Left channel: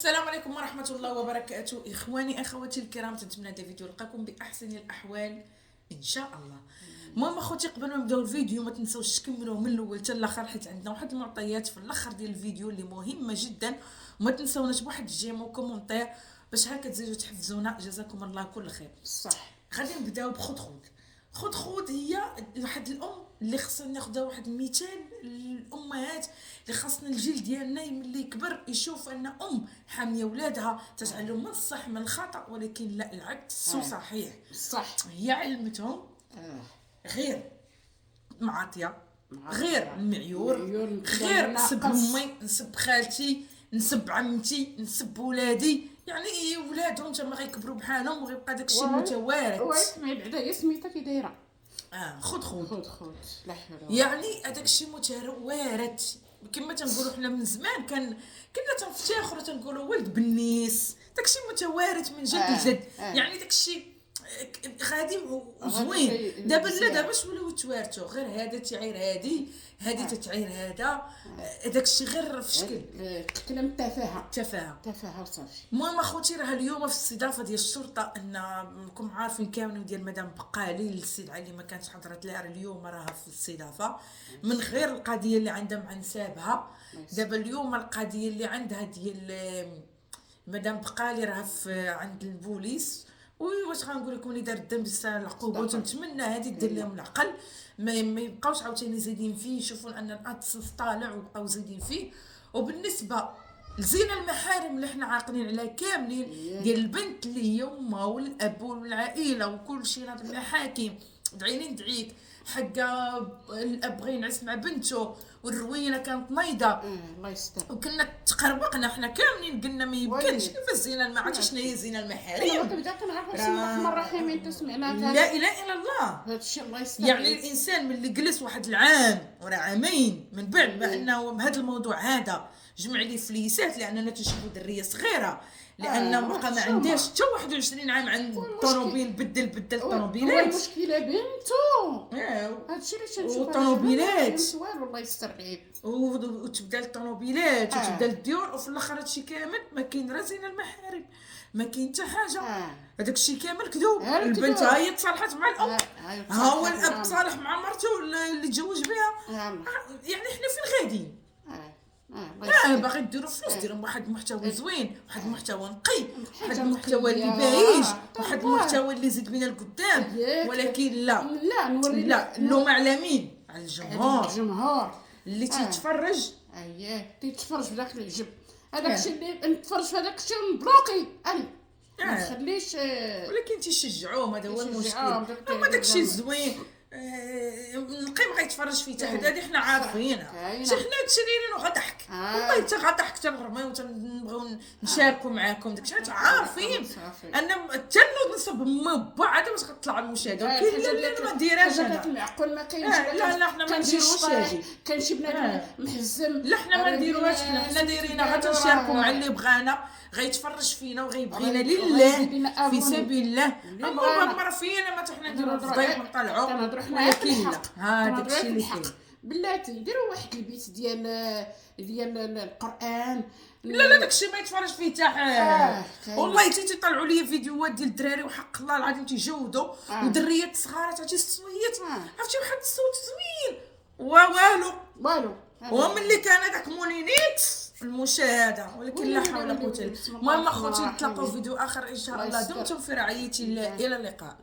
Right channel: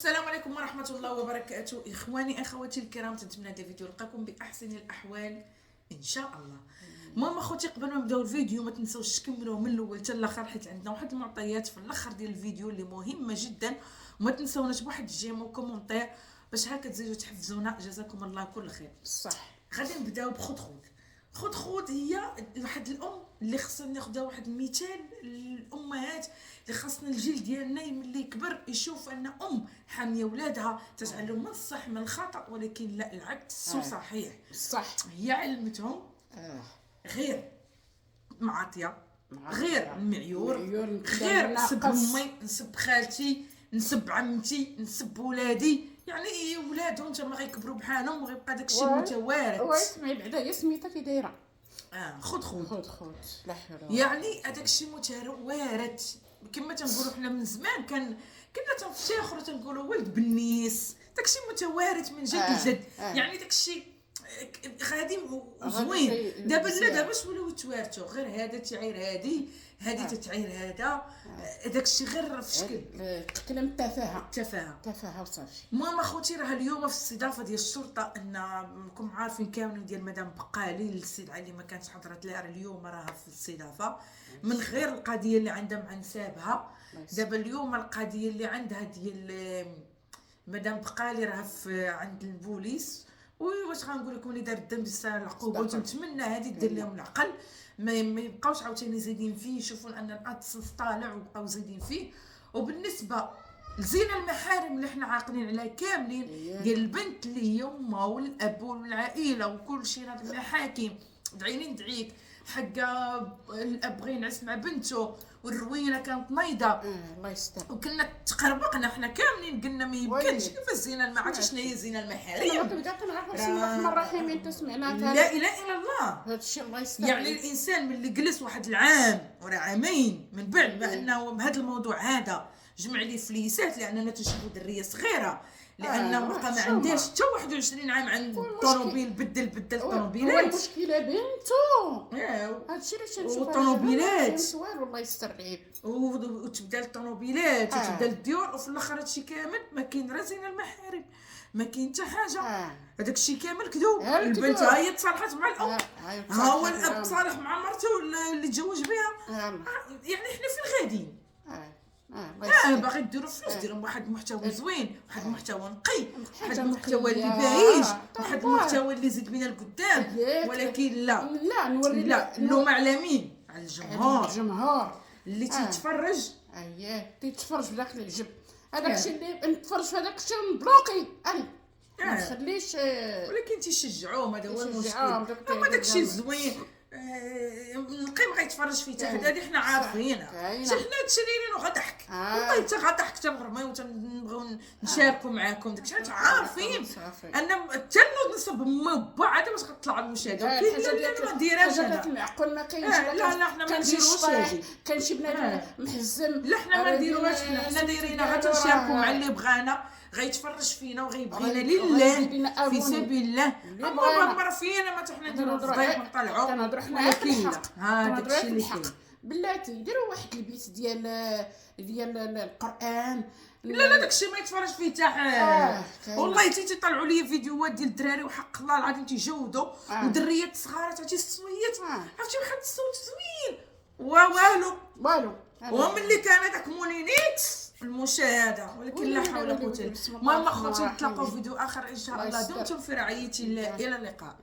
السلام عليكم ورحمة الله وبركاته. إخواني أخواتي الكرام، تنتمنى هذا الفيديو يلقاكم بأحسن الأحوال إن شاء الله. المهم أخوتي، قبل ما نبداو الفيديو ما تنساوش تكملوه من الأول حتى الآخر، حيت عندنا واحد المعطيات في الآخر ديال الفيديو اللي مهمة جدا. وما تنساوناش بواحد الجيم وكومونتير باش هكا تزيدوا تحفزونا، جزاكم الله كل خير. صح. غادي نبداو بخدخود. خدخود هي واحد الام اللي خصنا ناخذها واحد المثال للامهات اللي خاصنا الجيل ديالنا ملي يكبر يشوف ان حاميه ولادها، تتعلم من الصح من الخطا، ولكن لا، العكس صحيح. صح. هي علمتهم غير معاطيه، غير المعيور، غير نسب امي، نسب خالتي، نسب عمتي، نسب ولادي. يعني ولادهم تما غيكبروا بحالهم وغيبقى داكشي متوارث. ويسمعي بعدا هي سميتها كي دايره. خد لا حول ولا يعني هذاك الشيء متوارث. كما تنقولوا حنا من زمان كنا تنفتخروا تنقولوا ولد بنيس، داكشي متوارث من جد لجد. يعني داكشي غادي وزوين. دابا لا، داباش ولاو يتوارثوا، غير هذا تعير هذه تتعير هذا. داكشي غير في شكل كلام تفاهه وصافي. المهم اخوتي، راه اليوم في الاستضافه ديال الشرطه ان راكم عارفين كاملين ديال مدام بقالي الاستدعاء اللي ما كانتش حضرت لها، اليوم راها في الاستضافه من غير القضيه اللي عندها مع نسابها. دابا اليوم القضيه اللي عندها ديال مدام بقالي راه عند البوليس. واش غنقول لكم، اللي دار الذنب يستاهل العقوبه، وتنتمنى هذه دير لهم العقل، ما يبقاوش عاوتاني زايدين فيه، يشوفون ان الادسنس طالع وبقاو زايدين فيه. وبالنسبه لزينة المحارم اللي حنا عاقلين عليها كاملين، ديال البنت اللي هي امها والاب والعائله وكل شيء، هاد المحاكم دعيني ندعيك حقا الاب بغى ينعس مع بنته والروينه كانت نايضه. الله يستر. وكنا تقربقنا حنا كاملين قلنا ما يمكنش، كيف الزينه ما عرفتش شنو هي الزينه المحارم. انا كنبدا كنعرف بسم الله الرحمن الرحيم انت سمعناها. لا اله الا الله. هذا الشيء الله يستر. يعني الانسان ملي جلس واحد العام ولا عامين من بعد ما انه هذا الموضوع هذا جمع لي فليسات، لاننا تنشوفوا دريه صغيره، لانه بقى ما عندهاش حتى 21 عام عند الطوموبيل، بدل الطوموبيلات. هو المشكله بنتو. هادشي اللي تنشوف. والطوموبيلات والله يستر بعيد. وتبدا الطوموبيلات وتبدا الديور، وفي الاخر هادشي كامل ما كاين راه زين المحارم، ما كاين حتى حاجه. هذاك الشيء كامل كذوب. البنت ها هي تصالحت مع الام، ها هو الاب تصالح مع مرته اللي تزوج بها. يعني حنا فين غاديين؟ باغي ديروا فلوس، ديروا واحد المحتوى زوين، واحد المحتوى نقي، واحد المحتوى اللي باهيج، واحد المحتوى اللي يزيد بينا القدام. ولكن لا نوري اللوم على مين؟ على الجمهور اللي تيتفرج. تيتفرج في داك العجب. هذاك الشيء اللي نتفرج في هذاك الشيء نبلوكي ما نخليش. ولكن تيشجعوهم، هذا هو المشكل. هما داك الشيء زوين نقي بغا يتفرج فيه تاخد. هذه حنا عارفينها، حنا تشريرين وغضحك. والله حتى غضحك حتى نغرمي وتنبغيو نشاركوا معاكم داكشي. حنا عارفين ان حتى نصب امي وبا عاد باش غتطلع المشاهده. كاين اللي ما نديرهاش هذاك المعقول ما كاينش. لا حنا ما نديروش هادي. كان شي بنادم محزم. لا حنا ما نديروهاش. حنا دايرينها غير تنشاركوا مع اللي بغانا، غيتفرج فينا وغيبغينا لله في سبيل الله. اما فينا ما حنا نديروا الفضيح ونطلعوا. كنهضروا حنا ولكن هذاك الشيء اللي كاين. بلاتي ديروا واحد البيت ديال القران. لا داكشي ما يتفرج فيه حتى حاجه. والله تيطلعوا لي فيديوهات ديال الدراري وحق الله العظيم تيجودوا ودريات صغار تعطي الصويت، عرفتي واحد الصوت زوين والو. وملي كان هذاك مونينيكس المشاهده، ولكن لا حول ولا قوه الا بالله. المهم اخوتي، نتلاقاو في فيديو اخر ان شاء الله. دمتم في رعايه الله، الى اللقاء.